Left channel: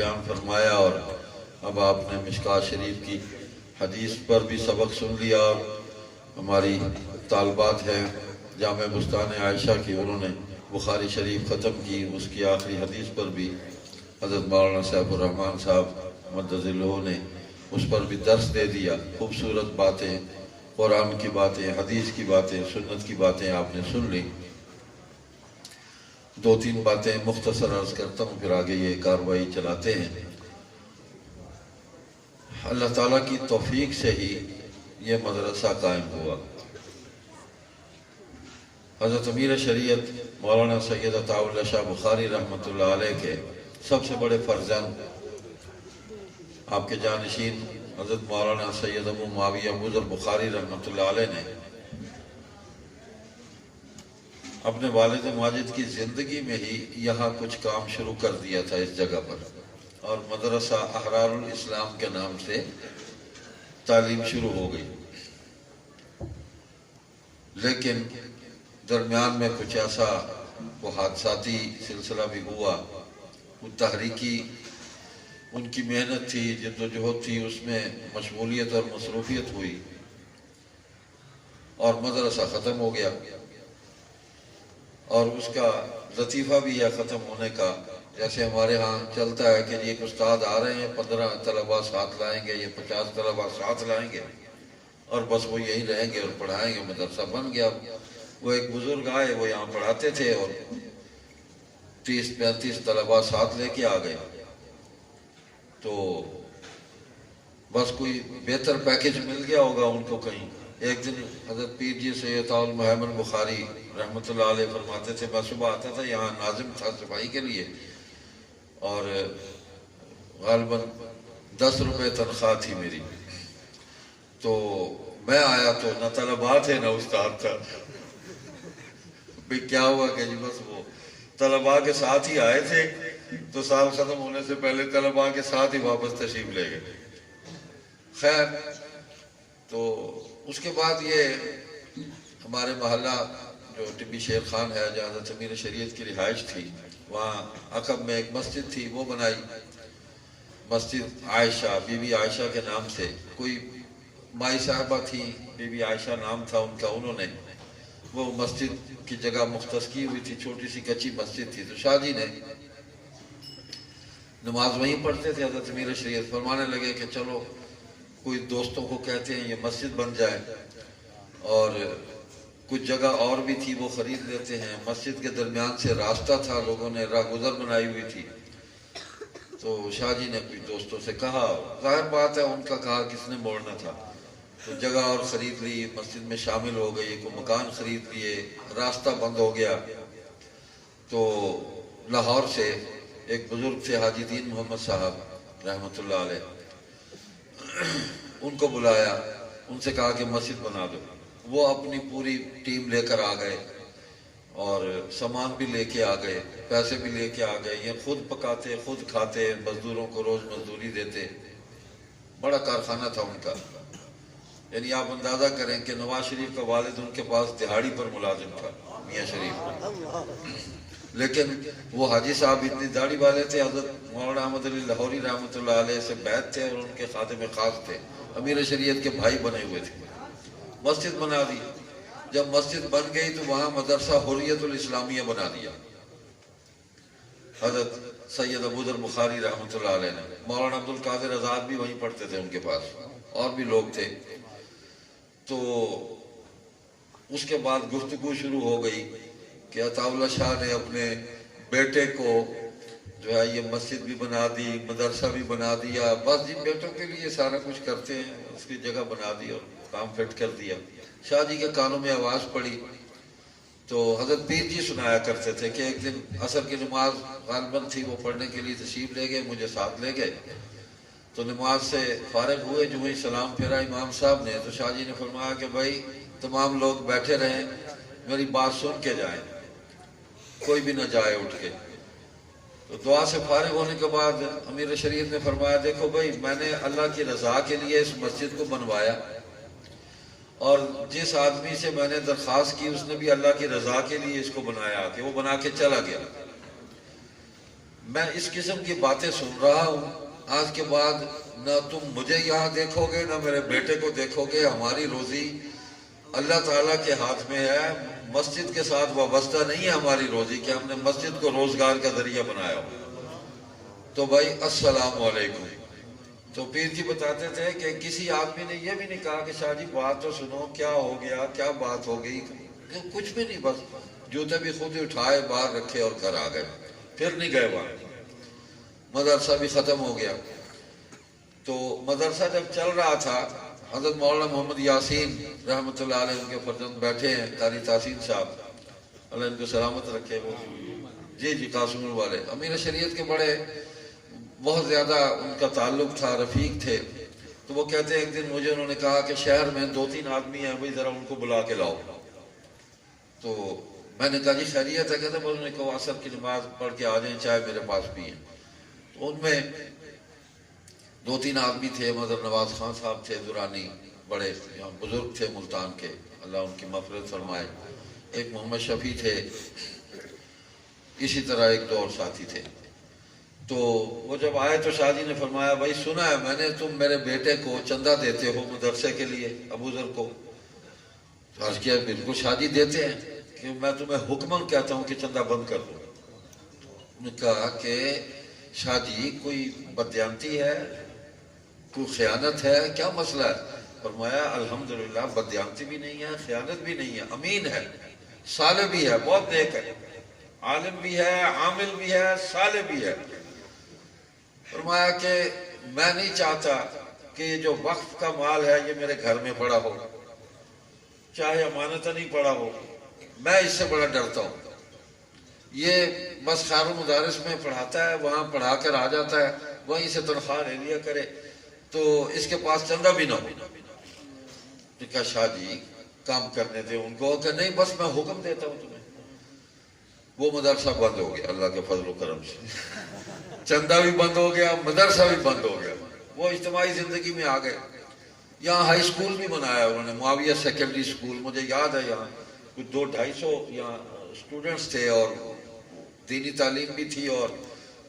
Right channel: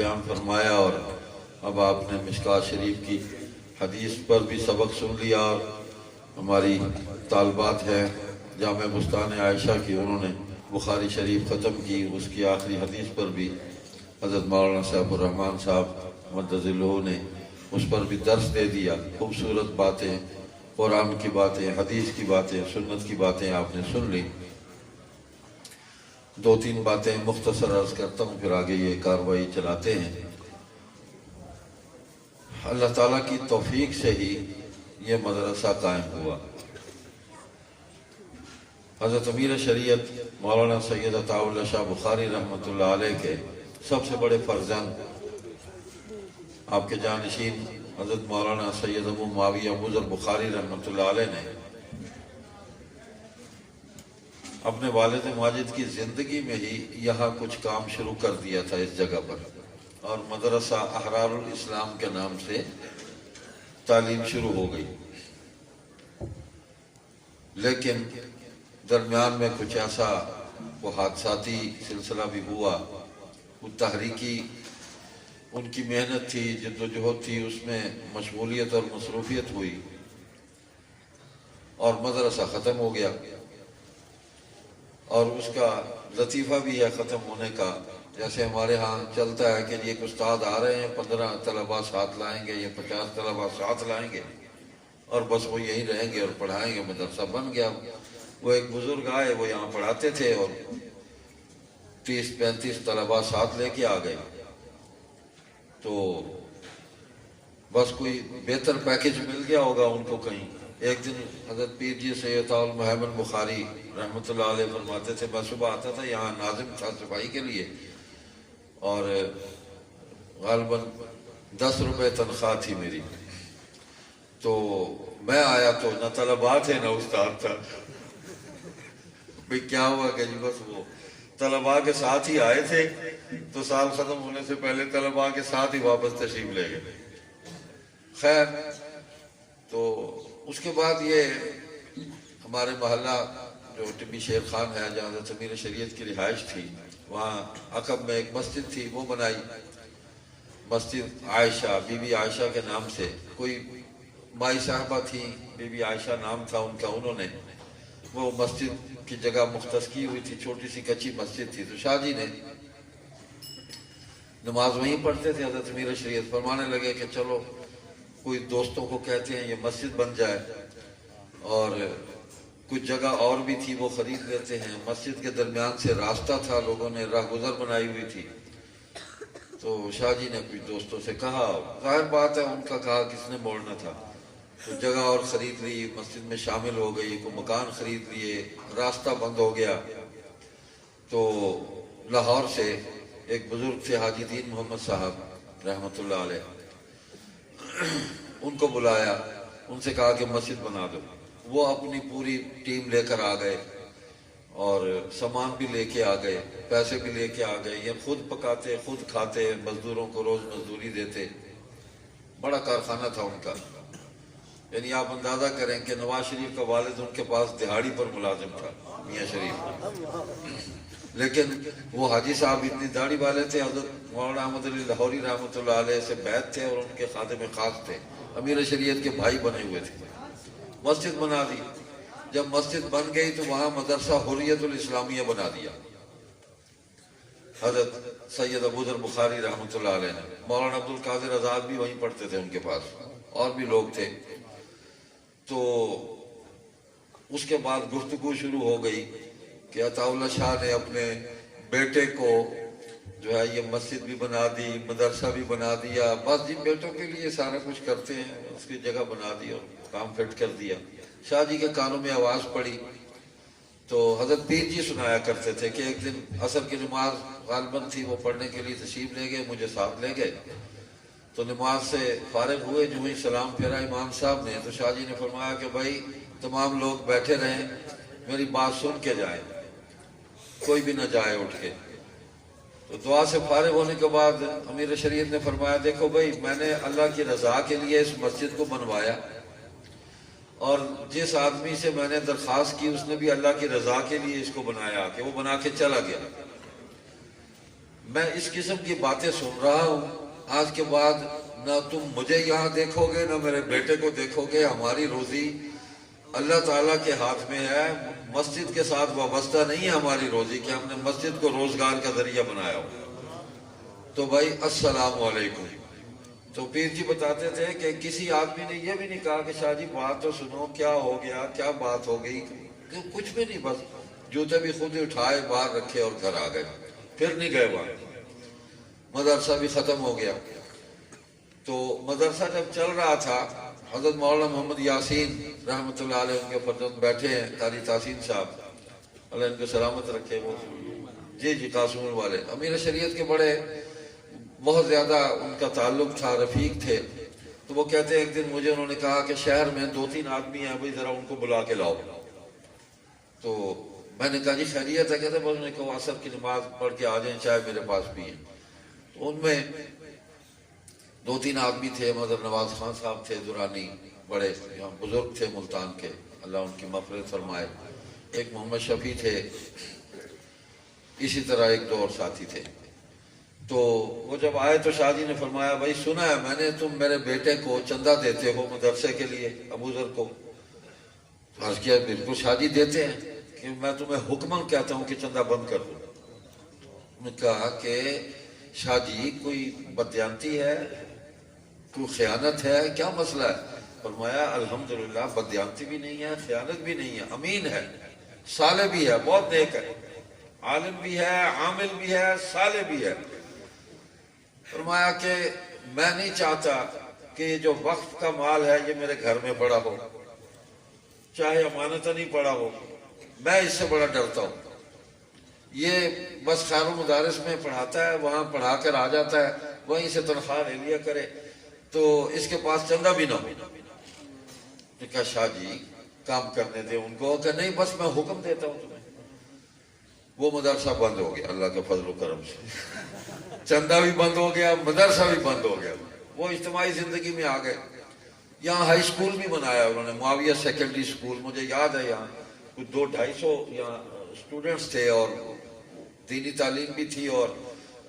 بیان فرمایا، اور اب آپ نے مشکوٰۃ شریف کی حدیث پر بھی سبق سن لیا، اور ہماری طالبات ہیں جامعہ بستان عائشہ کی، انہوں نے بخاری شریف ختم کی، اس کی آخری حدیث پر بھی حضرت مولانا سیف الرحمن صاحب مدد اللہ نے اس پر بھی درس دے دیا۔ خوبصورت باتیں، قرآن کی باتیں، حدیث کی باتیں، سنت کی باتیں آپ نے سن لی۔ دو تین باتیں مختصر عرض کرتا ہوں، پھر آگے یہ کارروائی چلاتے ہیں۔ اللہ تعالیٰ کی توفیق سے ہی یہ مدرسہ قائم ہوا۔ حضرت امیر شریعت مولانا سید عطاء اللہ شاہ بخاری رحمۃ اللہ علیہ کے سب سے بڑے فرزند، آپ کے جانشین حضرت مولانا سید ابو معاویہ ابو ذر بخاری رحمۃ اللہ علیہ نے اپنے والد ماجد کی زندگی میں ہی یہاں کچھ کام شروع کر دیا تھا اس جگہ پر، اور مدرسہ احرار الاسلام کے نام سے تعلیم شروع ہو گئی۔ لیکن درمیان میں کچھ ایسا وہ حادثاتی سلسلہ بھی ہوا، وہ تحریکی ان کی محنت تھی، جدوجہد تھی، اس میں مشغولیت اور مصروفیت ہوئی اور مدرسہ ختم ہو گیا۔ اور اس کا لطیفہ بھی ہے ختم ہونے کا، جیسے ہمارے ہاں چلتا ہے کہ ایک استاد آ رہے ہیں، 15 طلباء ساتھ لائیں گے یا 50 طلباء ساتھ لائیں گے، اور بس وہ یہیں رہیں گے اور پڑھائیں گے، مدرسہ بن گیا۔ وہ ایک بزرگ آئے، وہ یہاں پڑھاتے تھے، اور 30-35 طلباء ساتھ لے کے آ گئے، تو بس کوئی بہتر پیکج مل گیا ہوگا ان کو کہیں۔ ایک دن حضرت پیر جی سید عطاء المحمد بخاری رحمۃ اللہ علیہ فرماتے تھے، میں صبح آتا تھا، یہاں ناظم تھا صفائی کے لیے، اور غالباً 10 روپے تنخواہ تھی میری، تو میں آیا تو نہ طلباء تھے نہ استاد تھا۔ بھئی کیا ہوا کہ جی بس وہ طلباء کے ساتھ ہی آئے تھے، تو سال ختم ہونے سے پہلے طلباء کے ساتھ ہی واپس تشریف لے گئے۔ خیر، تو اس کے بعد یہ ہمارے محلہ جو ٹبی شیر خان ہے، جہاں حضرت امیر شریعت کی رہائش تھی، وہاں عقب میں ایک مسجد تھی، وہ بنائی، مسجد عائشہ، بی بی عائشہ کے نام سے۔ کوئی مائی صاحبہ تھی، بی بی عائشہ نام تھا ان کا، انہوں نے وہ مسجد کی جگہ مختص کی ہوئی تھی، چھوٹی سی کچی مسجد تھی، تو شاہ جی نے نماز وہیں پڑھتے تھے۔ حضرت امیر شریعت فرمانے لگے کہ چلو کوئی دوستوں کو کہتے ہیں یہ مسجد بن جائے، اور کچھ جگہ اور بھی تھی وہ خرید لیتے ہیں۔ مسجد کے درمیان سے راستہ تھا، لوگوں نے راہ گزر بنائی ہوئی تھی، تو شاہ جی نے کچھ دوستوں سے کہا، ظاہر بات ہے ان کا کہا کس نے موڑنا تھا، تو جگہ اور خرید لی، مسجد میں شامل ہو گئی، کوئی مکان خرید لیے، راستہ بند ہو گیا۔ تو لاہور سے ایک بزرگ تھے حاجی دین محمد صاحب رحمۃ اللہ علیہ، ان کو بلایا، ان سے کہا کہ مسجد بنا دو۔ وہ اپنی پوری ٹیم لے کر آ گئے، اور سامان بھی لے کے آ گئے، پیسے بھی لے کے آ گئے، یہ خود پکاتے خود کھاتے، مزدوروں کو روز مزدوری دیتے، بڑا کارخانہ تھا ان کا۔ یعنی آپ اندازہ کریں کہ نواز شریف کا والد ان کے پاس دہاڑی پر ملازم تھا، میاں شریف، لیکن وہ حاجی صاحب اتنی داڑھی والے تھے، حضرت مولانا احمد علی لاہوری رحمۃ اللہ علیہ سے بیعت تھے، اور ان کے خادم خاص تھے، امیر شریعت کے بھائی بنے ہوئے تھے۔ مسجد بنا دی، جب مسجد بن گئی تو وہاں مدرسہ حریت الاسلامیہ بنا دیا حضرت سید ابو ذر بخاری رحمۃ اللہ علیہ نے۔ مولانا عبد القادر آزاد بھی وہیں پڑھتے تھے ان کے پاس، اور بھی لوگ تھے۔ تو اس کے بعد گفتگو شروع ہو گئی کہ عطاء اللہ شاہ نے اپنے بیٹے کو جو ہے یہ مسجد بھی بنا دی، مدرسہ بھی بنا دیا، بس جن بیٹوں کے لیے سارا کچھ کرتے ہیں، اس کی جگہ بنا دی اور کام فٹ کر دیا۔ شاہ جی کے کانوں میں آواز پڑی، تو حضرت پیر جی سنایا کرتے تھے کہ ایک دن عصر کی نماز غالباً تھی، وہ پڑھنے کے لیے تشریف لے گئے، مجھے ساتھ لے گئے، تو نماز سے فارغ ہوئے، جو ہی سلام پھیرا امام صاحب نے، تو شاہ جی نے فرمایا کہ بھائی تمام لوگ بیٹھے رہیں، میری بات سن کے جائیں، کوئی بھی نہ جائے اٹھ کے۔ تو دعا سے فارغ ہونے کے بعد امیر شریعت نے فرمایا، دیکھو بھائی میں نے اللہ کی رضا کے لیے اس مسجد کو بنوایا، اور جس آدمی سے میں نے درخواست کی اس نے بھی اللہ کی رضا کے لیے اس کو بنایا، کہ وہ بنا کے چلا گیا۔ میں اس قسم کی باتیں سن رہا ہوں، آج کے بعد نہ تم مجھے یہاں دیکھو گے نہ میرے بیٹے کو دیکھو گے، ہماری روزی اللہ تعالیٰ کے ہاتھ میں ہے، مسجد کے ساتھ وابستہ نہیں ہے ہماری روزی کہ ہم نے مسجد کو روزگار کا ذریعہ بنایا ہو۔ تو بھائی السلام علیکم۔ تو پیر جی بتاتے تھے کہ کسی آدمی نے یہ بھی نہیں کہا کہ شاہ جی بات تو سنو، کیا ہو گیا، کیا بات ہو گئی، کچھ بھی نہیں، بس جوتے بھی خود ہی اٹھائے باہر رکھے اور گھر آ گئے، پھر نہیں گئے وہاں۔ مدرسہ بھی ختم ہو گیا۔ تو مدرسہ جب چل رہا تھا، حضرت مولانا محمد یاسین رحمۃ اللہ علیہ ان کے فرزند بیٹھے ہیں، قاری تحسین صاحب اللہ ان کو سلامت رکھے، وہ جی قاسم والے امیر شریعت کے بڑے بہت زیادہ ان کا تعلق تھا، رفیق تھے۔ تو وہ کہتے ہیں ایک دن مجھے انہوں نے کہا کہ شہر میں 2-3 آدمی ہیں، بھائی ذرا ان کو بلا کے لاؤ۔ تو میں نے کہا جی خیریت ہے؟ کہتے ہیں انہوں نے کہا عصر کی نماز پڑھ کے آ جائیں، چائے میرے پاس بھی ہیں۔ تو ان میں 2-3 آدمی تھے، مظہر نواز خان صاحب تھے درانی، بڑے بزرگ تھے ملتان کے، اللہ ان کی مغفرت فرمائے۔ ایک محمد شفیع تھے، اسی طرح ایک 2 اور ساتھی تھے۔ تو وہ جب آئے تو شاہ جی نے فرمایا بھائی سنا ہے میں نے تم میرے بیٹے کو چندہ دیتے ہو مدرسے کے لیے، ابو ذر کو۔ تو عرض کیا بالکل شاہ جی دیتے ہیں، کہ میں تمہیں حکماً کہتا ہوں کہ چندہ بند کر دو۔ انہوں نے کہا کہ شاہ جی کوئی بدیانتی ہے، کوئی خیانت ہے، کیا مسئلہ ہے؟ فرمایا الحمدللہ بدیانتی بھی نہیں ہے، خیانت بھی نہیں ہے، امین ہے، صالح بھی ہے، بہت نیک ہے، عالم بھی ہے، عامل بھی ہے، صالح بھی ہے۔ فرمایا کہ میں نہیں چاہتا کہ یہ جو وقف کا مال ہے یہ میرے گھر میں پڑا ہو، چاہے امانتاً نہیں پڑا ہو، میں اس سے بڑا ڈرتا ہوں۔ یہ بس خیر و مدارس میں پڑھاتا ہے، وہاں پڑھا کر آ جاتا ہے، وہیں سے تنخواہ لے لیا کرے، تو اس کے پاس چندہ بھی نہ ہو۔ کہا شاہ جی کام کرنے دے ان کو، کہ نہیں بس میں حکم دیتا ہوں تمہیں۔ وہ مدرسہ بند ہو گیا اللہ کے فضل و کرم سے، چندہ بھی بند ہو گیا، مدرسہ بھی بند ہو گیا، وہ اجتماعی زندگی میں آ گئے۔ یہاں ہائی اسکول بھی بنایا انہوں نے، معاویہ سیکنڈری اسکول، مجھے یاد ہے یہاں کچھ 200-250 یہاں اسٹوڈنٹس تھے، اور دینی تعلیم بھی تھی اور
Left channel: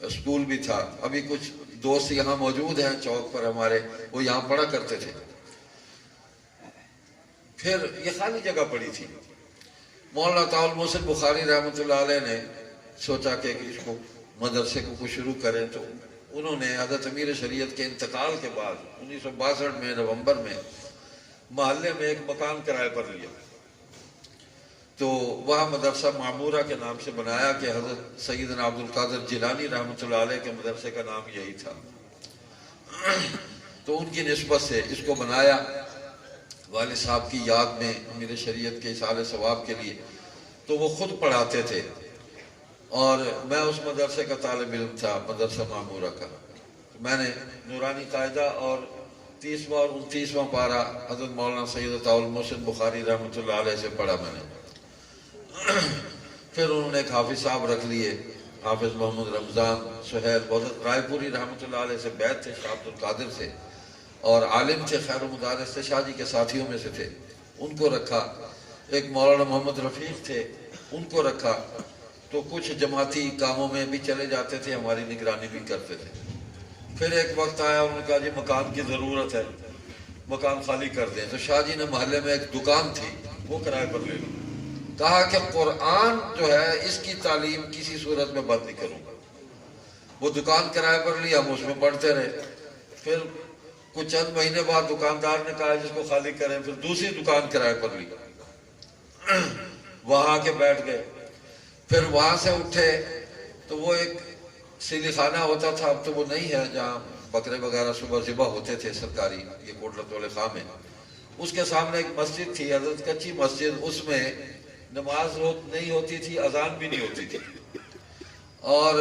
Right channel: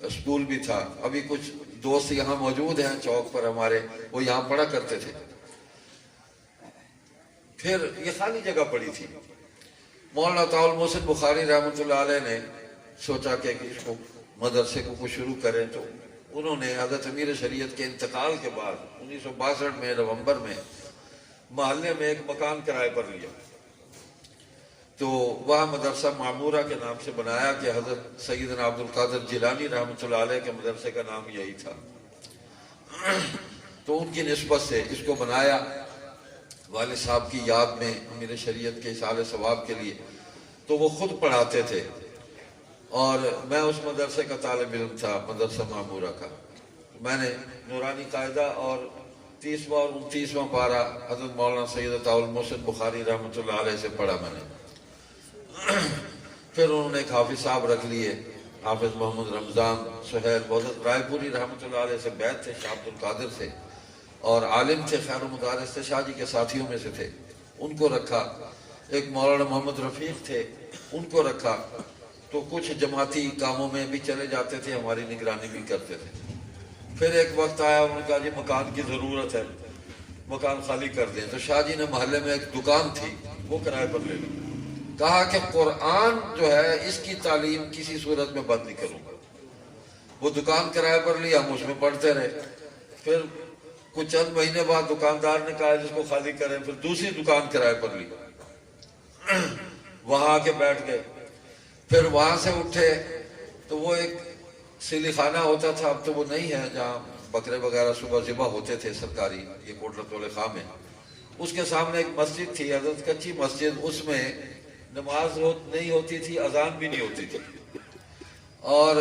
اسکول بھی تھا۔ ابھی کچھ دوست یہاں موجود ہیں چوک پر ہمارے، وہ یہاں پڑھا کرتے تھے۔ پھر یہ خالی جگہ پڑی تھی، مولانا طاء المحسن بخاری رحمۃ اللہ علیہ نے سوچا کہ اس کو مدرسے کو کچھ شروع کریں، تو انہوں نے حضرت امیر شریعت کے انتقال کے بعد 1962 میں نومبر میں محلے میں ایک مکان کرائے پر لیا، تو وہاں مدرسہ معمورہ کے نام سے بنایا، کہ حضرت سیدنا عبد القادر جیلانی رحمۃ اللہ علیہ کے مدرسے کا نام یہی تھا۔ تو ان کی نسبت سے اس کو بنایا، والد صاحب کی یاد میں امیر شریعت کے اصالہ ثواب کے لیے۔ تو وہ خود پڑھاتے تھے، اور میں اس مدرسے کا طالب علم تھا، مدرسہ معمورہ کا۔ میں نے نورانی قاعدہ اور 30واں اور 29واں پارہ حضرت مولانا سید طاء المحسن بخاری رحمۃ اللہ علیہ سے پڑھا میں نے۔ پھر انہوں نے ایک حافظ صاحب رکھ لیے، حافظ محمد رمضان سہیل بہت رائے پوری رحمۃ اللہ علیہ سے بیعت تھے، شاہ عبد القادر سے، اور عالم تھے، خیر و مدارس سے، شاہ جی کے ساتھیوں میں سے تھے، ان کو رکھا۔ ایک مولانا محمد رفیق تھے، ان کو رکھا۔ تو کچھ جماعتی کاموں میں بھی چلے جاتے تھے، ہماری نگرانی بھی کرتے تھے۔ پھر ایک وقت آیا، انہوں نے کہا جی مکان کی ضرورت ہے، مکان خالی کر دیں۔ تو شاہ جی نے محلے میں ایک دکان تھی، وہ کرائے پر لے لی۔ کہا کہ قرآن جو ہے اس کی تعلیم کسی صورت میں بند نہیں کروں گا۔ وہ دکان کرائے پر لی، ہم اس میں پڑھتے رہے۔ پھر کچھ چند مہینے بعد دکاندار نے کہا جس کو خالی کریں، پھر دوسری دکان کرائے پر لی، وہاں آ کے بیٹھ گئے۔ پھر وہاں سے اٹھے تو وہ ایک سیلی خانہ ہوتا تھا، اب تو وہ نہیں ہے، جہاں بکرے وغیرہ صبح ذبح ہوتے تھے سرکاری، یہ کوٹلہ والے خاں میں۔ اس کے سامنے ایک مسجد تھی، حضرت کچی مسجد، اس میں نماز نہیں ہوتی تھی، اذان بھی نہیں ہوتی تھی، اور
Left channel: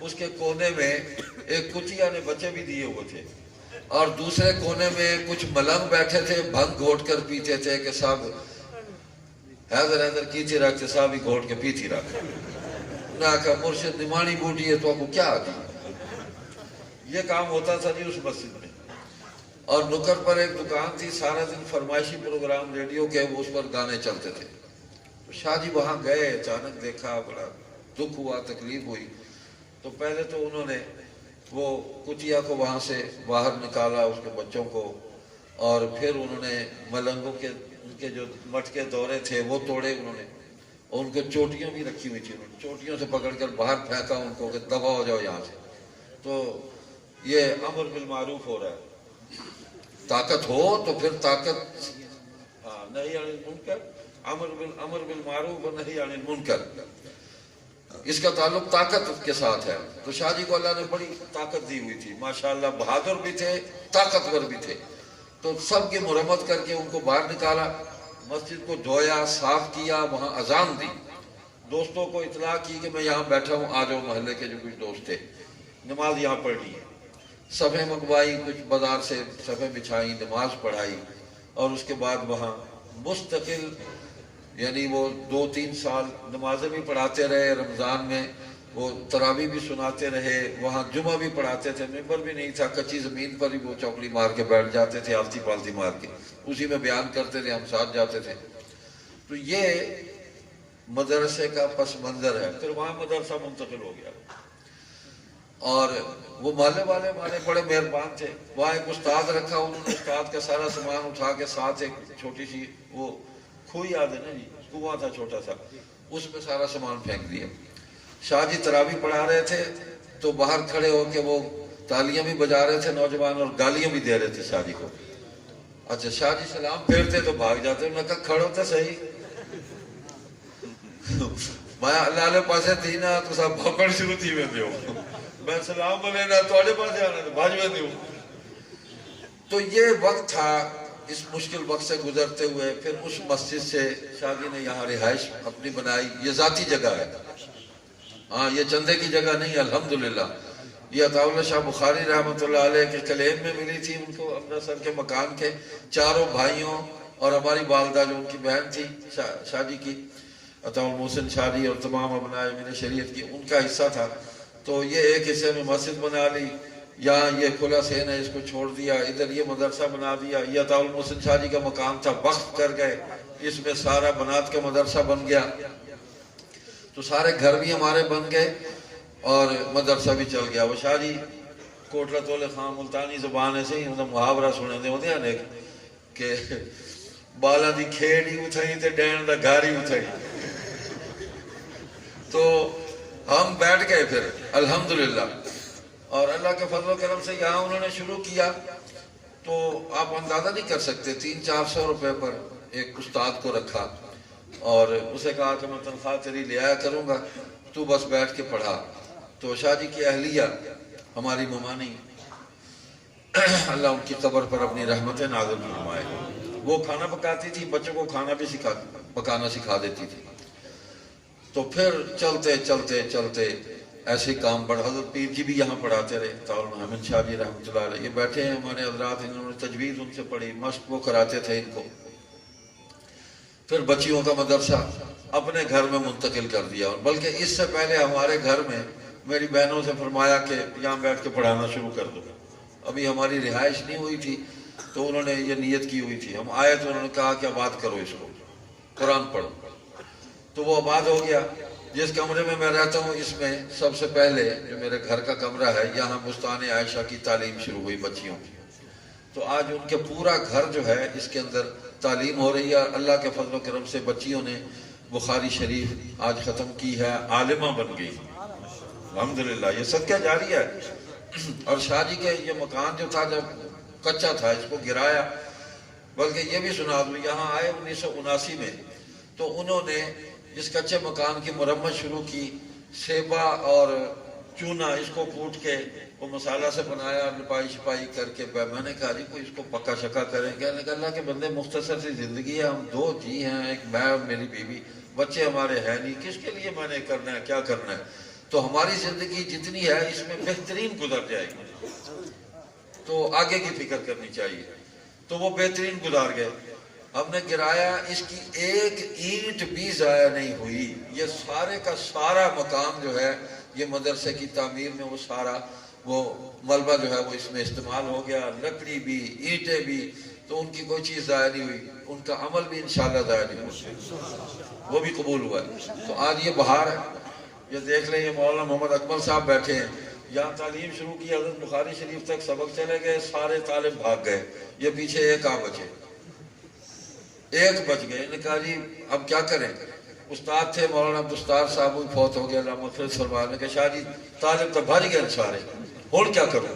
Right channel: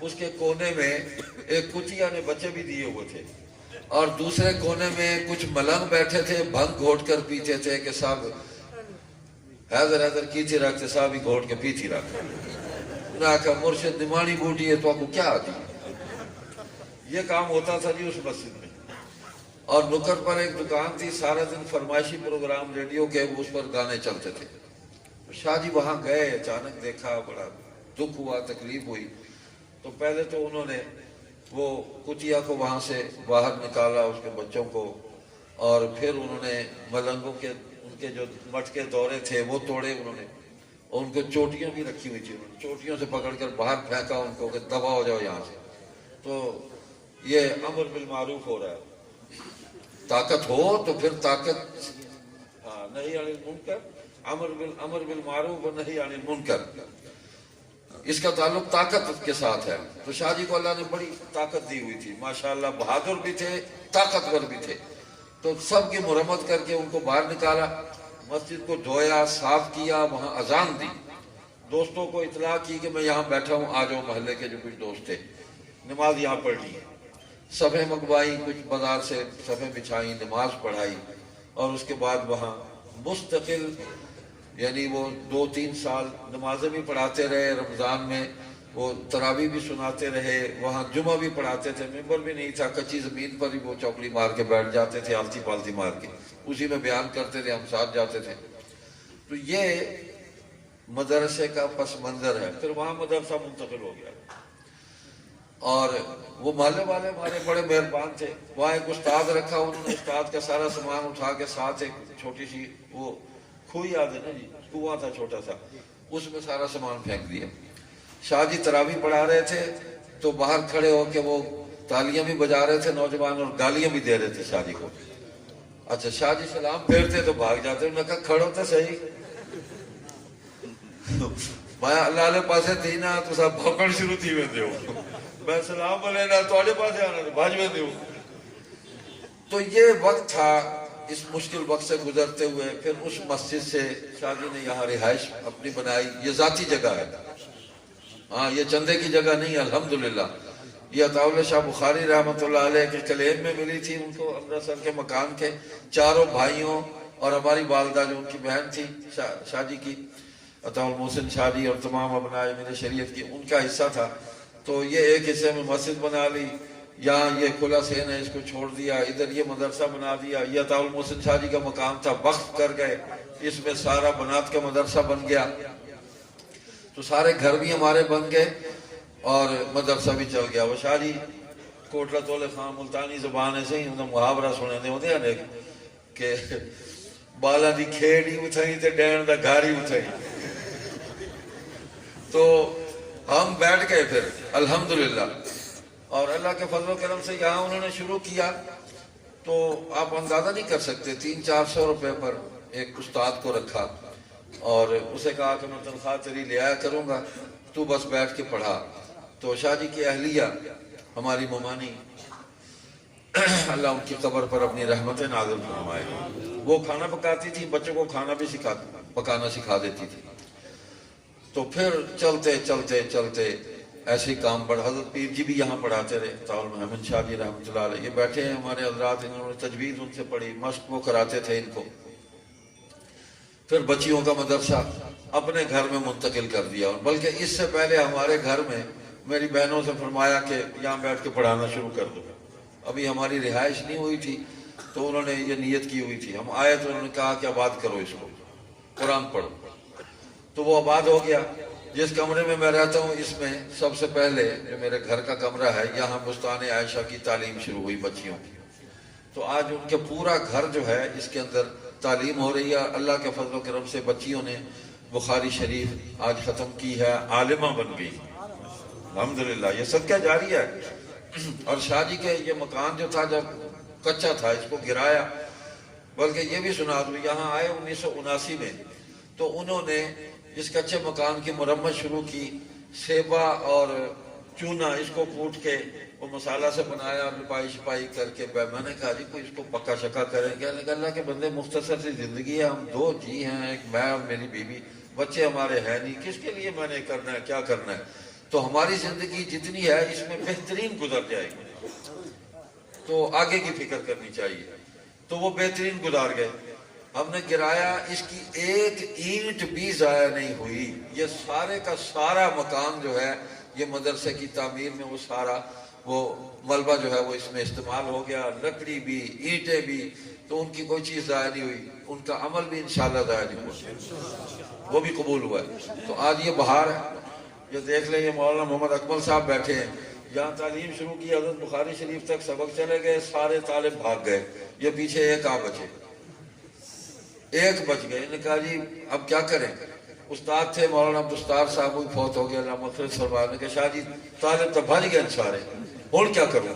اس کے کونے میں ایک کچیا نے بچے بھی دیے ہوئے تھے، اور دوسرے کونے میں کچھ ملنگ بیٹھے تھے، بھنگ گھوٹ کر پیتے تھے، کہ صاحب حیدر کی تھی رکھتے، صاحب ہی گھوٹ کے پیتی رکھتے۔ انہوں نے کہا مرشد نمانی بوٹی ہے تو آپ کو کیا آتی؟ یہ کام ہوتا تھا جی اس مسجد میں۔ اور نکر پر ایک دکان تھی، سارا دن فرمائشی پروگرام ریڈیو کے، وہ اس پر گانے چلتے تھے۔ شاہ جی وہاں گئے، اچانک دیکھا، بڑا دکھ ہوا، تکلیف ہوئی۔ تو پہلے تو انہوں نے وہ کٹیا کو وہاں سے باہر نکالا، اس کے بچوں کو، اور پھر انہوں نے ملنگوں کے ان کے جو مٹکے دورے تھے وہ توڑے انہوں نے، اور ان کو چوٹیاں بھی رکھی ہوئی تھی، انہوں نے چوٹیوں سے پکڑ کر باہر پھینکا ان کو کہ دبا ہو جاؤ یہاں سے۔ تو یہ امر بالمعروف ہو رہا ہے، طاقت ہو تو پھر طاقت نہی عن المنکر، امر بالمعروف و نہی عن المنکر، اس کا تعلق طاقت کے ساتھ ہے۔ تو شاہ جی کو اللہ نے بڑی طاقت دی ہوئی تھی، ماشاءاللہ بہادر بھی تھے، طاقتور بھی تھے۔ تو سب کی مرمت کر کے ان کو باہر نکالا، مسجد کو دھویا، صاف کیا، وہاں اذان دی، دوستوں کو اطلاع کی کہ میں یہاں بیٹھا ہوں، آ جاؤ، محلے کے جو کچھ دوست تھے، نماز یہاں پڑھ لی، صفیں منگوائی، کچھ بازار سے صفیں بچھائی، نماز پڑھائی، اور اس کے بعد وہاں مستقل یعنی وہ 2-3 سال نمازیں بھی پڑھاتے رہے، رمضان میں وہ تراویح بھی سناتے رہے، وہاں جمعہ بھی پڑھاتے تھے، ممبر بھی نہیں تھا، کچی زمین پر ہی وہ چوکڑی مار کے بیٹھ جاتے تھے، آلتی پالتی مار کے، اسی میں بیان کرتے تھے، ہم ساتھ جاتے تھے۔ تو یہ مدرسے کا پس منظر ہے۔ پھر وہاں مدرسہ منتقل ہو گیا، اور وہ محلے والے ہمارے بڑے مہربان تھے، وہاں ایک استاد رکھا، انہوں نے استاد کا سارا سامان اٹھا کے ساتھ ایک چھوٹی سی وہ کھوئی یاد ہے نا جی، کنواں تھا چھوٹا سا، اس میں سارا سامان پھینک دیا۔ شاہ جی تراویح پڑھا رہے تھے تو باہر کھڑے ہو کے وہ تالیاں بھی بجا رہے تھے نوجوان، اور گالیاں بھی دے رہے تھے شاہ جی کو۔ اچھا شاہ جی سلام پھیرتے تو بھاگ جاتے، انہوں نے کہا کھڑو تو صحیح، میں اللہ نے پاسے تھی نا تو سب بھوکڑ شروع تھی میں دیو، میں سلام علینا توڑے پاسے آنا بھاج میں دیو۔ تو یہ وقت تھا، اس مشکل وقت سے گزرتے ہوئے پھر اس مسجد سے شاہ جی نے یہاں رہائش اپنی بنائی۔ یہ ذاتی جگہ ہے، ہاں یہ چندے کی جگہ نہیں، الحمدللہ۔ یہ عطا اللہ شاہ بخاری رحمۃ اللہ علیہ کے کلیم میں ملی تھی ان کو، امرتسر کے مکان کے، چاروں بھائیوں اور ہماری والدہ جو ان کی بہن تھی شاہ جی کی، عطا المحسن شاہ جی، اور تمام ابنائے امیر شریعت کی، ان کا حصہ تھا۔ تو یہ ایک حصے میں مسجد بنا لی، یہاں یہ کھلا سین ہے، اس کو چھوڑ دیا، ادھر یہ مدرسہ بنا دیا۔ یہ عطا المحسن شاہ جی کا مقام تھا، وقف کر گئے، اس میں سارا بنات کا مدرسہ بن گیا۔ تو سارے گھر بھی ہمارے بن گئے اور مدرسہ بھی چل گیا۔ وہ شاہ جی کوٹلا تولے خان ملتانی زبان ایسے ہی انہیں محاورہ سنے دے ہوتے ہیں کہ بالا دی کھیڑ ہی اٹھائی تے ڈین دا گھر ہی اٹھائی۔ تو ہم بیٹھ گئے پھر الحمدللہ، اور اللہ کے فضل و کرم سے یہاں انہوں نے شروع کیا۔ تو آپ اندازہ نہیں کر سکتے، 300-400 روپے پر ایک استاد کو رکھا، اور اسے کہا کہ میں تنخواہ تیری لے آیا کروں گا، تو بس بیٹھ کے پڑھا۔ تو شاہ جی کی اہلیہ ہماری ممانی، اللہ ان کی قبر پر اپنی رحمتیں نازل فرمائے، وہ کھانا پکاتی تھی، بچوں کو کھانا بھی پکانا سکھا دیتی تھی۔ تو پھر چلتے چلتے چلتے ایسے کام بڑھ، حضرت پیر جی بھی یہاں پڑھاتے رہے، طاول محمد شاہ جی رحمۃ اللہ علیہ، یہ بیٹھے ہیں ہمارے حضرات، انہوں نے تجوید ان سے پڑھی، مشق وہ کراتے تھے ان کو۔ پھر بچیوں کا مدرسہ اپنے گھر میں منتقل کر دیا، اور بلکہ اس سے پہلے ہمارے گھر میں میری بہنوں سے فرمایا کہ یہاں بیٹھ کے پڑھانا شروع کر دو۔ ابھی ہماری رہائش نہیں ہوئی تھی، تو انہوں نے یہ نیت کی ہوئی تھی، ہم آئے تو انہوں نے کہا کہ آباد کرو اس کو، قرآن پڑھو۔ تو وہ آباد ہو گیا۔ جس کمرے میں میں رہتا ہوں، اس میں سب سے پہلے جو میرے گھر کا کمرہ ہے، یہاں بستان عائشہ کی تعلیم شروع ہوئی بچیوں کی۔ تو آج ان کے پورا گھر جو ہے اس کے اندر تعلیم ہو رہی ہے، اللہ کے فضل و کرم سے بچیوں نے بخاری شریف آج ختم کی ہے، عالمہ بن گئی الحمدللہ، یہ صدقہ جاری ہے۔ اور شاہ جی کے یہ مکان جو تھا جب کچا تھا، اس کو گرایا، بلکہ یہ بھی سنا دوں، یہاں آئے 1979 میں، تو انہوں نے اس کچے مکان کی مرمت شروع کی، سیبا اور چونا اس کو کوٹ کے وہ مسالہ سے بنایا، لپائی شپائی کر کے۔ میں نے کہا جی کوئی اس کو پکا شکا کرے گا، لیکن اللہ کے بندے مختصر سی زندگی ہے، ہم 2 جی ہیں، ایک میں اور میری بیوی، بچے ہمارے ہیں نہیں، کس کے لیے میں نے کرنا ہے، کیا کرنا ہے؟ تو ہماری زندگی جتنی ہے اس میں بہترین گزر جائے گی، تو آگے کی فکر کرنی چاہیے۔ تو وہ بہترین گزار گئے، ہم نے گرایا، اس کی ایک اینٹ بھی ضائع نہیں ہوئی۔ یہ سارے کا سارا مکان جو ہے یہ مدرسے کی تعمیر میں وہ سارا وہ ملبہ جو ہے وہ اس میں استعمال ہو گیا، لکڑی بھی، اینٹیں بھی، تو ان کی کوئی چیز ضائع نہیں ہوئی، ان کا عمل بھی انشاءاللہ ضائع نہیں ہوا، وہ بھی قبول ہوا ہے۔ تو آج یہ بہار ہے، یہ دیکھ لیں، یہ مولانا محمد اکمل صاحب بیٹھے ہیں، یہاں تعلیم شروع کی، حضرت بخاری شریف تک سبق چلے گئے، سارے طالب بھاگ گئے، یہ پیچھے ایک بچے، ایک بچ گئے۔ انہوں نے کہا جی اب کیا کریں؟ استاد تھے مولانا عبدالستار صاحب، وہ فوت ہو گیا، اللہ مغفرت فرمائے، کہ شاہ جی طالب تو بھج گئے سارے، اور کیا کروں؟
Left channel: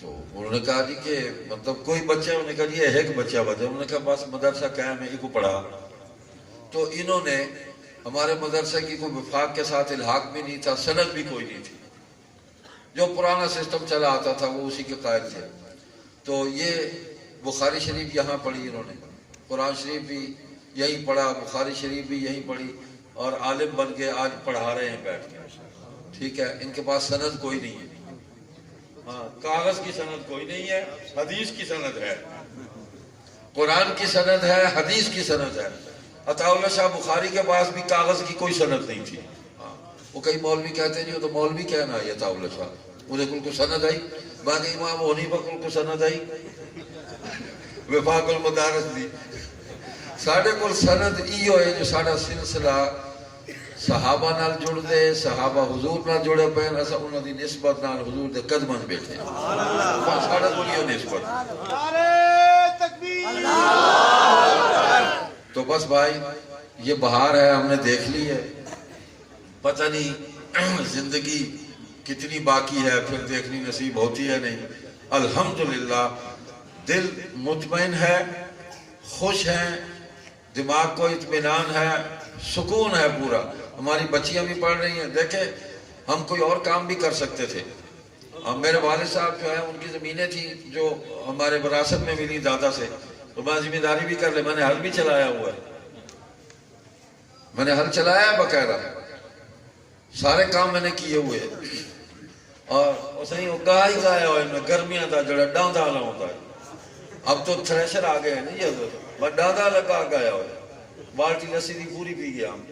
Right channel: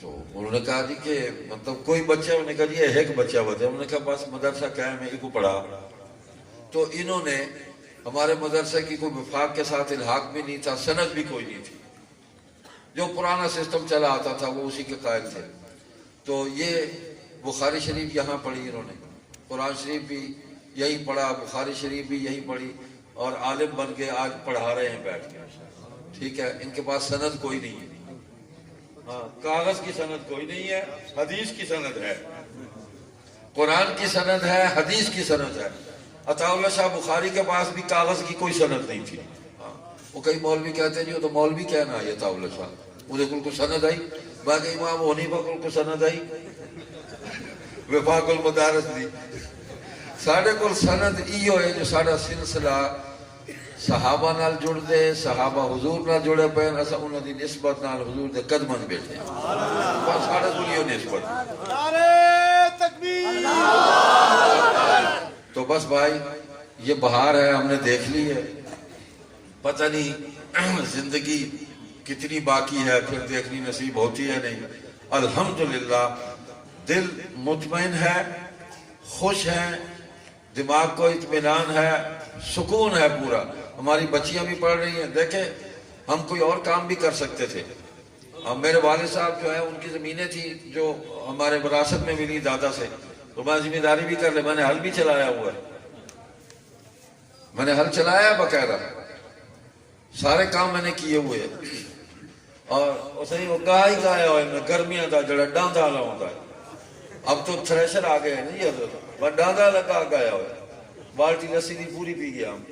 تو انہوں نے کہا جی کہ مطلب کوئی بچہ، انہوں نے کہا جی ایک بچہ بچا، انہوں نے کہا بس مدرسہ قائم ہے، ان کو پڑھا۔ تو انہوں نے، ہمارے مدرسے کی کوئی وفاق کے ساتھ الحاق بھی نہیں تھا، سند بھی کوئی نہیں تھی، جو پرانا سسٹم چلا آتا تھا وہ اسی کے قائل تھے۔ تو یہ بخاری شریف یہاں پڑھی انہوں نے، قرآن شریف بھی یہی پڑھا، بخاری شریف بھی یہی پڑھی، اور عالم بن کے آج پڑھا رہے ہیں بیٹھ کے، ٹھیک ہے۔ ان کے پاس سند کوئی نہیں ہے، ہاں کاغذ کی سند کوئی نہیں ہے، حدیث کی سند ہے، قرآن کی سند ہے، حدیث کی سند ہے۔ عطا اللہ شاہ بخاری کے پاس بھی کاغذ کی کوئی سند نہیں تھی۔ وہ کئی مولوی کہتے ہیں جی وہ تو مولوی کہنا آئی عطا اللہ شاہ، مجھے کل کو سند آئی، باقی امام حنیفہ کل کو سند آئی، وفاق المدارس دی۔ ساڑھے کل سند ایو ہے جو ساڑھا سلسلہ صحابہ نال جڑ دے، صحابہ حضور نال جڑے پہن، ایسا انہوں دی نسبت نال حضور دے قدمن بیٹھے ہیں، ساڑھے کل یہ نسبت۔ تو بس بھائی یہ بہار ہے، ہم نے دیکھ لی ہے، پتہ نہیں زندگی کتنی باقی ہے، پھر دیکھنی نصیب ہوتی ہے نہیں۔ الحمدللہ دل مطمئن ہے، خوش ہیں، دماغ کو اطمینان ہے، سکون ہے پورا۔ ہماری بچیاں بھی پڑھ رہی ہیں، دیکھیں ہم کوئی اور کام بھی کر سکتے تھے۔ میرے والد صاحب جو ہے ان کی زمینیں تھی جو ہمارے وراثت میں ملی دادا سے، تو میں ذمہ داری بھی کر لے، میں نے ہل بھی چلایا ہوا ہے، میں نے ہل چلایا ہے باقاعدہ، سارے کام میں نے کیے ہوئے ہیں، اور اسے ہی گاہ ہی گایا ہوئے میں، گرمیاں دا جڑا ڈاندا نہ ہوتا ہے۔ اب تو تھریشر آ گئے نہیں حضرت، میں ڈاندا لگا گایا ہوا ہے، بالٹی رسی دی پوری پی گیا ہوں۔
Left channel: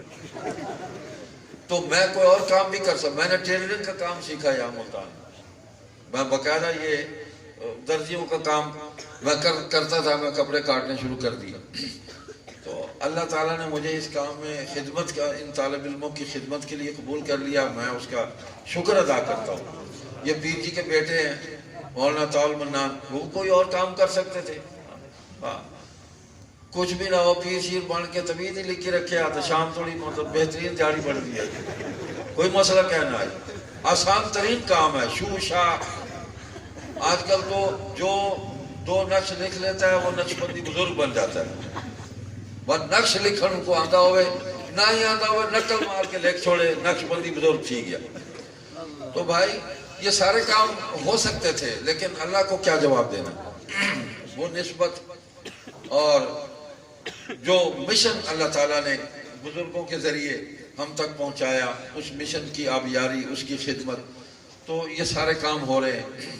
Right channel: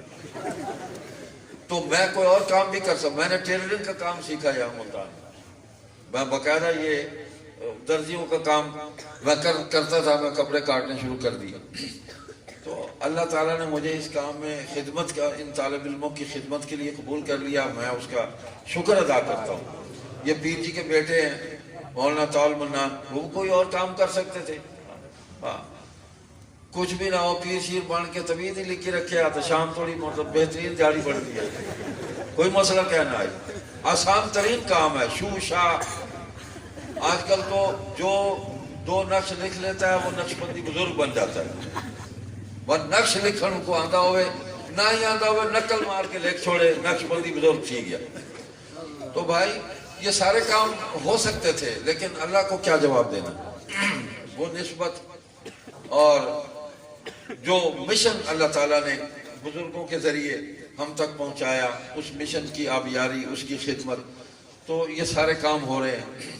تو میں کوئی اور کام بھی کر سکتا، میں نے ٹیلرنگ کا کام سیکھا یا ملتان، میں باقاعدہ یہ درزیوں کا کام میں کرتا تھا، میں کپڑے کاٹنے شروع کر دیے۔ تو اللہ تعالیٰ نے مجھے اس کام میں خدمت کا، ان طالب علموں کی خدمت کے لیے قبول کر لیا، میں اس کا شکر ادا کرتا ہوں۔ یہ پیر جی کے بیٹے ہیں مولانا طاول منان، وہ کوئی اور کام کر سکتے تھے، ہاں کچھ بھی نہ ہو، پیر شیر بن کے طبیعت ہی لکھ کے رکھے آتے، شام تھوڑی مطلب بہترین جاری بڑھ دیا، کوئی مسئلہ کہنا ہے، آسان ترین کام ہے، شو شاہ۔ آج کل تو جو 2 نقش لکھ لیتا ہے وہ نقش بندی بزرگ بن جاتا ہے، وہ نقش لکھن کو آدھا ہوئے نہ ہی آدھا ہوئے، نقل مار کے لکھ چھوڑے، نقش بندی بزرگ تھی گیا۔ تو بھائی یہ سارے کام ہو سکتے تھے، لیکن اللہ کو کیا جواب دینا؟ وہ نسبت اور جو مشن اللہ تعالیٰ نے بزرگوں کے ذریعے ہم تک پہنچایا، اس مشن کی آبیاری، اس کی خدمت، تو یہ سارے کام ہو رہے ہیں۔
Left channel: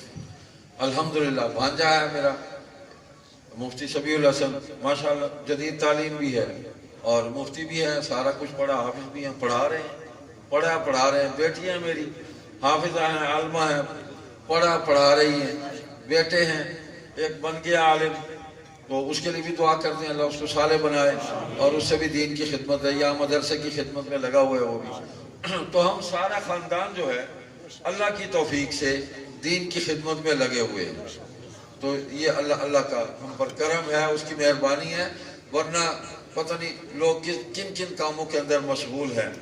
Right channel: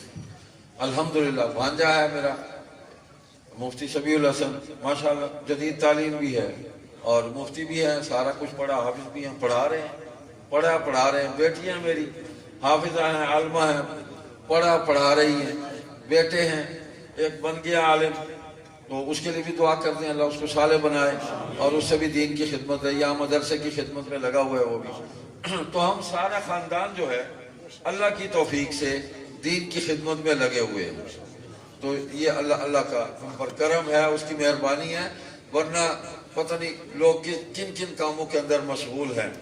الحمدللہ بھانجا ہے میرا مفتی سمیع الحسن، ماشاءاللہ جدید تعلیم بھی ہے اور مفتی بھی ہیں، سارا کچھ پڑھا، حافظ بھی ہیں، پڑھا رہے ہیں، پڑھا رہے ہیں۔ بیٹیاں میری حافظہ ہیں، عالمہ ہیں، پڑھا رہی ہیں، بیٹے ہیں، ایک بن گیا عالم، تو اس کے لیے بھی دعا کرتے ہیں اللہ اس کو صالح بنائے، اور اس سے بھی دین کی خدمت ہے، یا مدرسے کی خدمت میں لگا ہوا ہے وہ بھی۔ تو ہم سارا خاندان جو ہے اللہ کی توفیق سے دین کی خدمت میں لگے ہوئے ہیں۔ تو یہ اللہ کا ہم پر کرم ہے، اس کی مہربانی ہے، ورنہ پتہ نہیں لوگ کن کن کاموں کے اندر مشغول ہیں،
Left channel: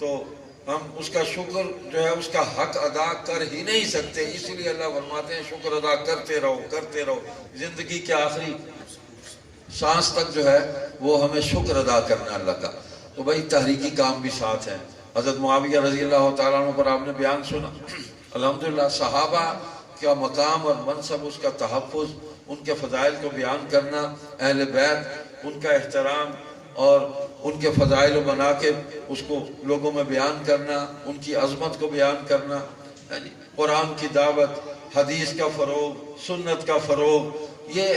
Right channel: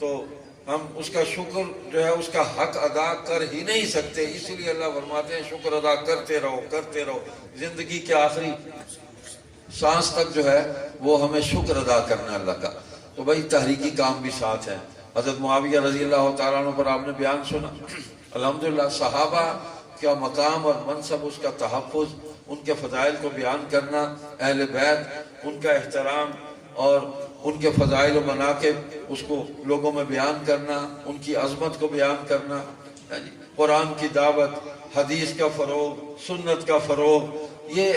تو ہم اس کا شکر جو ہے اس کا حق ادا کر ہی نہیں سکتے۔ اس لیے اللہ فرماتے ہیں شکر ادا کرتے رہو، زندگی کے آخری سانس تک جو ہے وہ ہمیں شکر ادا کرنا اللہ کا۔ تو بھائی تحریکی کام بھی ساتھ ہیں۔ حضرت معاویہ رضی اللہ تعالیٰ عنہ پر آپ نے بیان سنا، الحمدللہ صحابہ کا مقام اور منصب، اس کا تحفظ، ان کے فضائل کو بیان کرنا، اہل بیت ان کا احترام اور ان کے فضائل و مناقب اس کو لوگوں میں بیان کرنا، ان کی عظمت کو بیان کرنا، قرآن کی دعوت، حدیث کا فروغ، سنت کا فروغ، یہ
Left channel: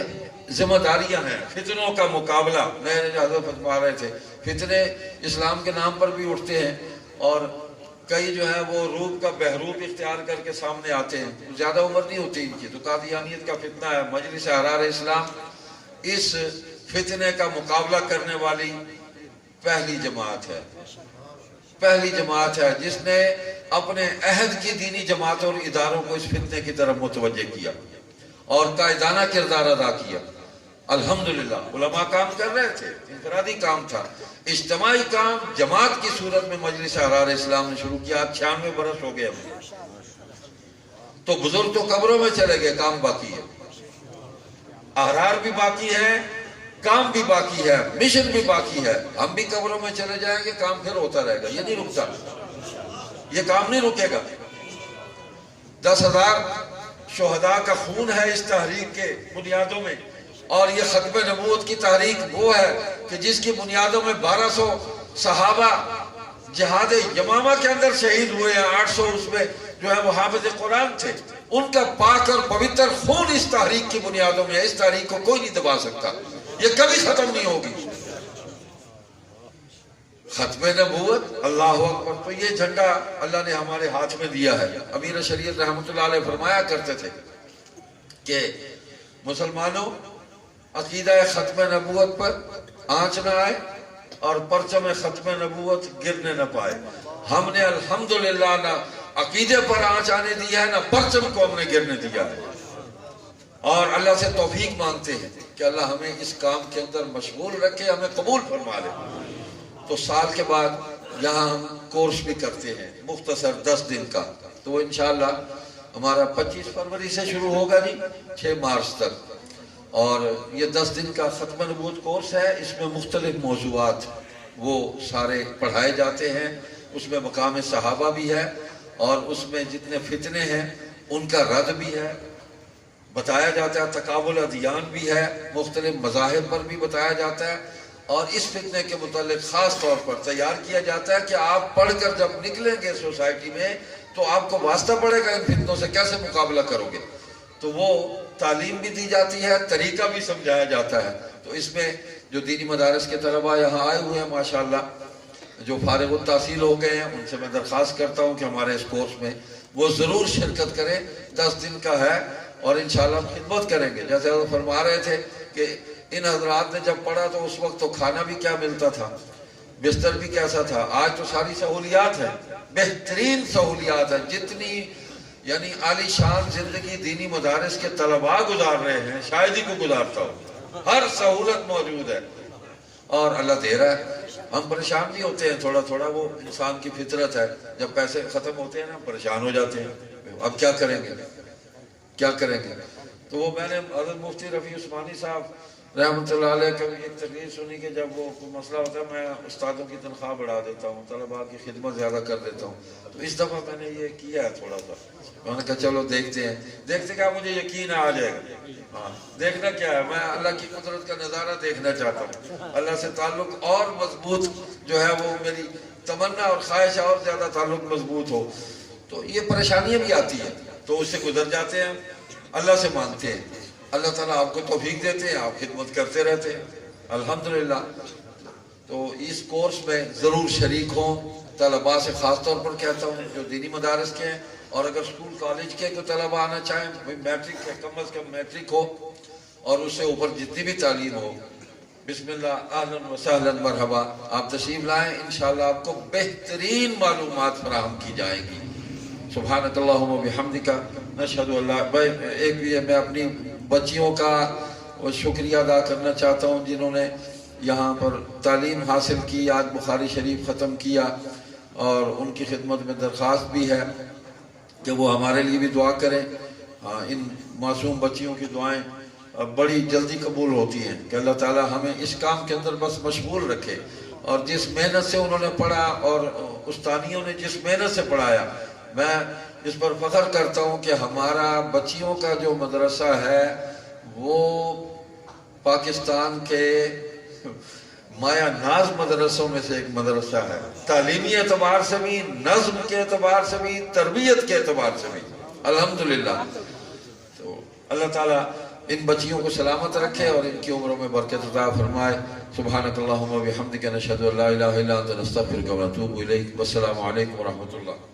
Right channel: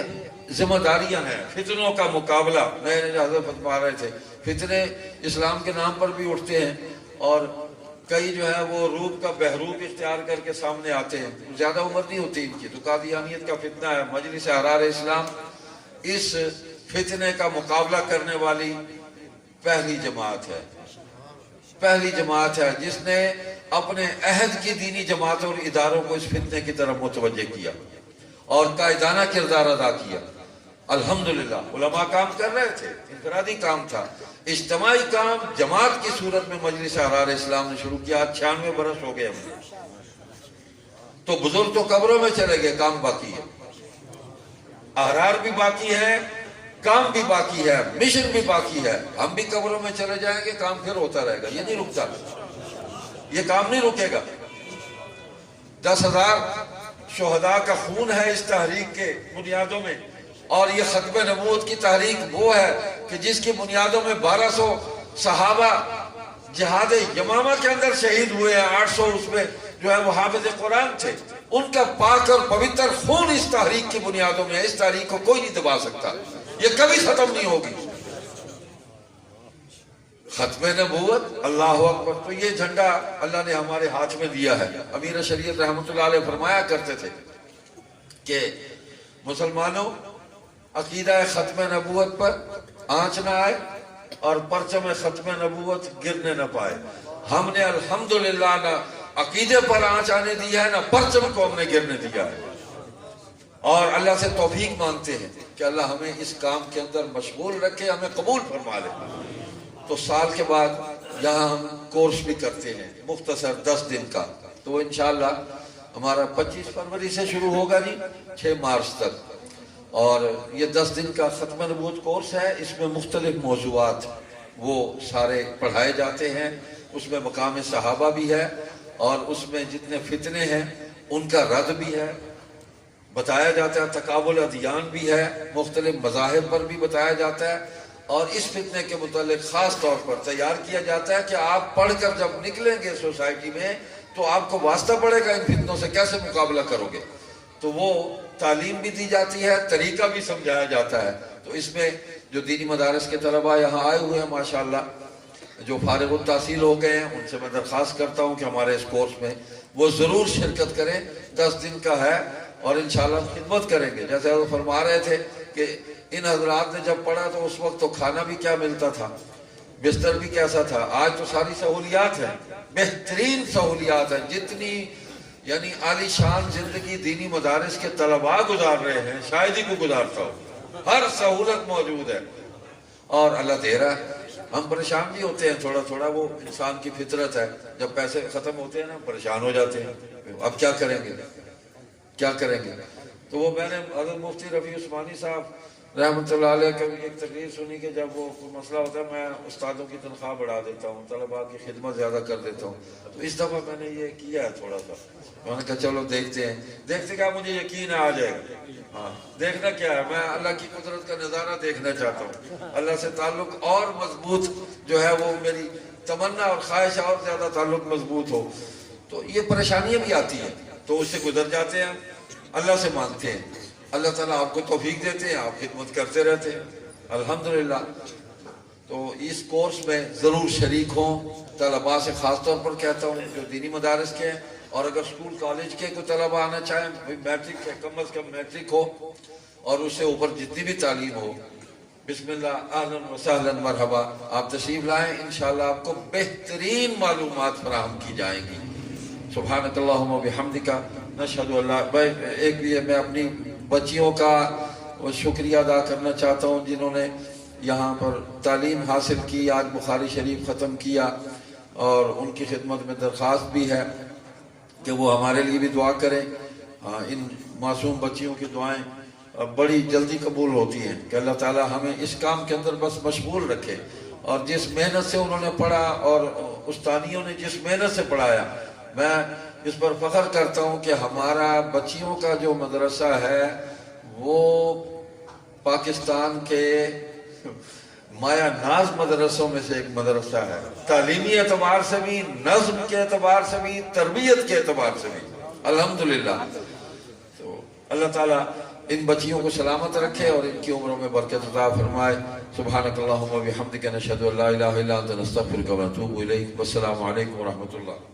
ذمہ داریاں ہیں۔ فتنوں کا مقابلہ، نئے حضرت فرما رہے تھے، فتنے اسلام کے نام پر بھی اٹھتے ہیں، اور کئی جو ہے وہ روپ کا بہروپ اختیار کر کے سامنے آتے ہیں، زیادہ عمر نہیں ہوتی ان کی، تو قادیانیت کا فتنہ ہے۔ مجلس احرار اسلام اس فتنے کا مقابلہ کرنے والی پہلی جماعت ہے، پہلی جماعت ہے جس نے اپنے عہد کی دینی جماعتوں اور اداروں کو اس فتنے کی طرف متوجہ کیا اور قائدانہ کردار ادا کیا۔ الحمدللہ علماء کام کر رہے تھے، انفرادی کام تھا، اجتماعی کام جماعت کی صورت میں مجلس احرار اسلام نے شروع کیا۔ 96 برس ہو گئے ہمیں، تو بزرگ تو قبروں میں چلے گئے، کام باقی ہے، احرار بھی باقی ہے، کام بھی باقی ہے، مشن بھی باقی ہے۔ ہم بھی قبروں میں چلے جائیں گے، کام پھر ہوتا رہے گا، یہ نہیں رکتا، یہ کام نہیں رکے گا۔ 10,000 شہداء کا خون ہے اس تحریک کے بنیادوں میں، اور یہ ختم نبوت کی تحریک وہ ہے کہ جس کی بنیادوں میں 1200 صحابہ جہاد یمامہ کے اندر شہید ہوئے ہیں، 800 اس میں جو ہے وہ حافظ قرآن تھے، ان کا پاک اور پوتر خون اس تحریک کی بنیادوں میں ہے۔ اس تحریک کو کوئی نہیں دبا سکتا، یہ کبھی ختم نہیں ہوگی۔ ختم نبوت، اللہ اکبر، تو یہ جھنڈا اللہ نے ہمارے ہاتھ میں دیا ہے۔ امیر شریعت رحمۃ اللہ علیہ فرمایا کرتے تھے کہ مسلمانوں، عقیدہ ختم نبوت پر آنچ نہ آئے اور پرچم ختم نبوت گرنے نہ پائے۔ ہم نے الحمدللہ نہ عقیدے پر آنچ آنے دی ہے، نہ پرچم کو ہم نے گرنے دیا ہے، اور اللہ سے توفیق مانگتے ہیں کہ اللہ ہمیں اس کام کے اندر مشغول رکھے، ہمیں قبول فرما لے۔ تو سال کے بعد یہاں ہم کورس بھی کرتے ہیں مختصر 10 دن کا، تو انشاءاللہ ہمارا 25 فروری سے شروع ہوگا، نہیں 6 مارچ تک، اور یہ 10 دن کا ختم نبوت کورس ہے۔ اس میں مختلف موضوعات وہ سارے پڑھائے جاتے ہیں، اس میں مقام صحابہ بھی ہے، اور اس میں جتنے فتنے ہیں ان کا رد بھی ہے، بتایا جاتا ہے، تقابل ادیان بھی ہے، مختلف مذاہب پر بھی بتایا جاتا ہے، اور اس فتنے کے متعلق خاص طور پر تیار کیا جاتا ہے کہ آپ پڑھ کر جب نکلیں گے سوسائٹی میں تو آپ کو واسطہ پڑے گا ان فتنوں سے کیسے مقابلہ کرو گے۔ تو وہ تعلیم بھی دی جاتی ہے، طریقہ بھی سمجھایا جاتا ہے۔ تو اس میں جو دینی مدارس کے طلباء یہاں آئے ہوئے ہیں ماشاءاللہ، جو فارغ التحصیل ہو گئے ہیں، ان سے میں درخواست کرتا ہوں کہ ہمارے اس کورس میں وہ ضرور شرکت کریں۔ 10 دن کا ہے اور انشاءاللہ خدمت کریں گے۔ جیسے ہم فرما رہے تھے کہ ان حضرات نے جب پڑھا تو اس وقت تو کھانا بھی کیا ملتا تھا، بستر بھی کیسا تھا، آج تو ساری سہولیات ہیں، بہترین سہولیات ہیں، جتنی یعنی عالی شان زندگی دینی مدارس کے طلباء گزار رہے ہیں شاید ہی کو گزارتا ہو، ہر سہولت موجود ہے اور اللہ دے رہا ہے۔ ہم پریشان بھی ہوتے ہیں تھوڑا تھوڑا، وہ انسان کی فطرت ہے، جب پیسے ختم ہوتے ہیں نا پریشان ہو جاتے ہیں، اب کیا کریں گے کیا کریں گے۔ تو وہ میں نے حضرت مفتی رفیع عثمانی صاحب رحمۃ اللہ علیہ کا بھی ایک تقریر سنی کہ جب وہ کوئی مسئلہ ہوتا ہے میں استادوں کی تنخواہ بڑھا دیتا ہوں، طلباء کی خدمت زیادہ کر دیتا ہوں، تو اس دفعہ میں نے یہ کیا ہے تھوڑا سا، میں نے کہا چلو دیکھتے ہیں، دیکھتے کیا مجھے یقین آ جائے گا۔ ہاں دیکھنا کیا ہے، میں اللہ کی قدرت کا نظارہ دیکھنا چاہتا ہوں، اللہ سے تعلق اور مضبوط جو ہے وہ میری تمنا اور خواہش ہے، اور زیادہ تعلق مضبوط ہو۔ تو یہ پریشانیاں بھی آتی ہیں تو اس سے گزر جاتے ہیں، اللہ سے مانگتے ہیں، اللہ تعالیٰ آپ کو توفیق دیتے ہیں، آپ خدمت کرتے رہتے ہیں الحمدللہ۔ تو اس کورس میں ضرور شریک ہوں، طلباء سے خاص طور پر کہتا ہوں جو دینی مدارس کے ہیں، اور اگر اسکول کالج کے کوئی طلباء آنا چاہیں، میٹرک ہے، کم از کم میٹرک ہو اور اس سے اوپر جتنی بھی تعلیم ہو، بسم اللہ اہلاً و سہلاً مرحبا، آپ تشریف لائیں، انشاءاللہ آپ کو بہترین معلومات فراہم کی جائیں گی۔ سبحانک اللہم و بحمدک نشہد ان لا، میں اپنی بچیوں کا شکریہ ادا کرنا چاہتا ہوں جنہوں نے یہاں پر تعلیم حاصل کی، آج بخاری شریف ختم کیا، اور ان کی خدمت میں درخواست بھی ہے کہ وہ ہمارے لیے بھی دعا کریں۔ ان معصوم بچیوں کی دعائیں بڑی جلدی قبول ہوتی ہیں کہ اللہ تعالیٰ ہمیں اس کام کے اندر بس مشغول رکھے، اور جس محنت سے انہوں نے پڑھا اور استانیوں نے جس محنت سے پڑھایا، میں اس پر فخر کرتا ہوں کہ ہمارا بچیوں کا جو مدرسہ ہے وہ پاکستان کے مایا ناز مدرسوں میں سے ایک مدرسہ ہے، تعلیمی اعتبار سے بھی، نظم کے اعتبار سے بھی، تربیت کے اعتبار سے بھی الحمدللہ۔ تو اللہ تعالیٰ ان بچیوں کو سلامت رکھے اور ان کی عمروں میں برکت عطا فرمائے۔ سبحانک اللہم و بحمدک نشہد ان لا الہ الا انت نستغفرک و نتوب الیک۔ والسلام علیکم ورحمۃ اللہ۔